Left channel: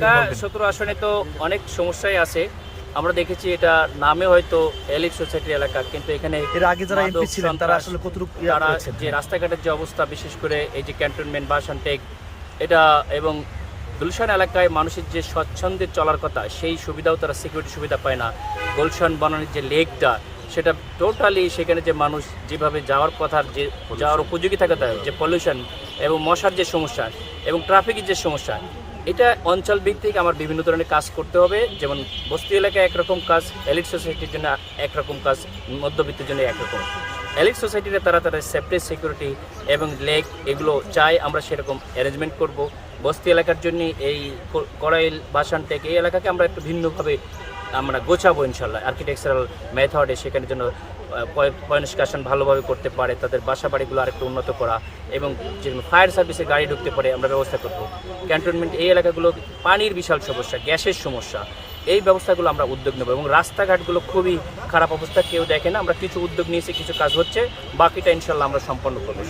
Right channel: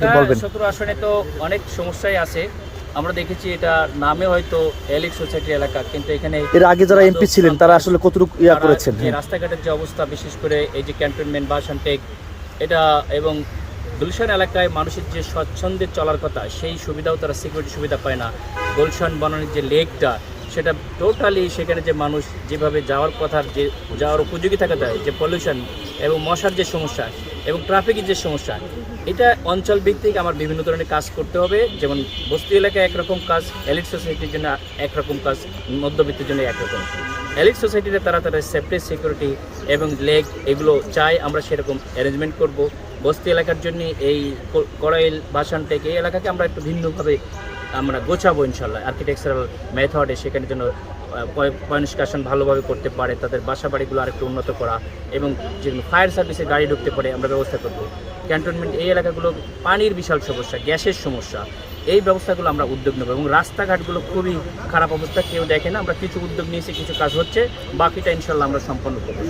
ঢাকা 17 আসনে তো অনেক সমস্যাই আছে। আমরা দেখেছি এটা নামে হয়তো এলিট সোসাইটি এলাকা, কিন্তু এখানে এর আগে যারা এমপি ছিলেন তারা আসলে কতটুকু করেছেন? যে রাস্তাঘাটের যে অবস্থা, বিশেষ করে এই যে ক্যান্টনমেন্ট বাসানটেক এটা এবং গুলশান এলাকায় মানুষের যে স্বচ্ছন্দে চলার কথা সেই সুবিধাও তারা সিকিউরিটি সুবিধা পায় না। গুলশান বনানীর যে লেকটা সেটা টোটালি, সেখানে যে মানুষ যেভাবে যাওয়ার কথার যে যাওয়ার উপযোগী থাকা যায়, যে পলিউশন এবং মশার যে সমস্যা এবং ট্রাফিকের যে সমস্যা, এটা অঞ্চল ভিত্তিক আমার বিভিন্ন ধরনের কাজ করতে হবে। যেমন বস্তি এলাকায় একরকম কাজ, এলিট সোসাইটির জন্য একরকম কাজ, মধ্যবিত্তের জন্য একরকম। এলিট সোসাইটিতে তারা তাদের সেফটি সিকিউরিটি এবং লেক এগুলো চায়, আমরা সেরকম অ্যারেঞ্জমেন্ট করব। বস্তি এলাকার জন্য এই কড়াইল বাসানটেক এই এলাকাকে আমরা একটু ভিন্নভাবে আমরা গোছাবো ইনশাল্লাহ, আর্কিটেকচারাল মেথডে, সেখানে যেন পয়নিষ্কাশন ভালোভাবে করতে পারে, তাদের বাসা বাড়িগুলো আরেকটু উন্নত করা এবং যেগুলো ফায়ার সার্ভিসের গাড়ি ঢুকতে পারে আমরা ব্যবস্থা করব। ক্যান্টনমেন্ট এই এলাকাগুলো পানির বিশাল সমস্যা, গ্যাসের সমস্যা, এই ব্যবস্থাগুলো আমরা উদ্যোগ নেব। এবং রাস্তাঘাটগুলো খুবই খারাপ অবস্থা, কেউ দেখে না। আমরা কিছু উদ্যোগ নিয়েছি, কিছু কাজ হচ্ছে, বাকিটা ইনশাল্লাহ আমরা সম্পন্ন করবো।